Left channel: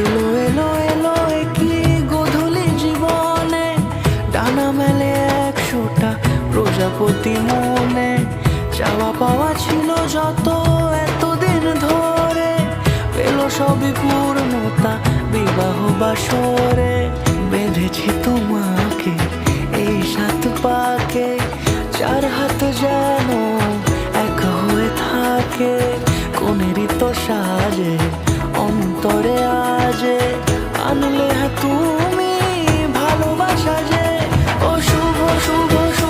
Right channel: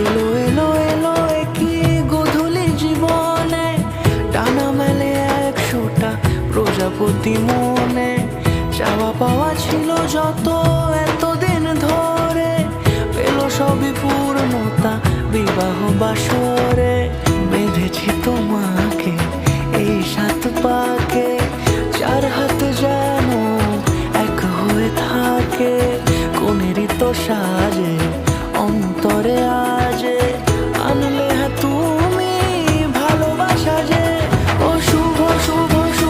এলো এলো এলো কি গোধূলি জীবনে, ডানা মেলে 100টা প্রজাপতি মনে। চাওয়া পাওয়া ছিল যত এতদিন ধরে, পেল সবই পূর্ণতা বিবাহ বাসরে। বেঁধেছি তোমাকে এই 7 পাকে, 4 হাত যেন এক হয়ে থাকে। কোনেরই তো সাজে অন্তরে আজে, আনলে তুমি ভালোবাসা যে। ও শুভ শুভ শুভ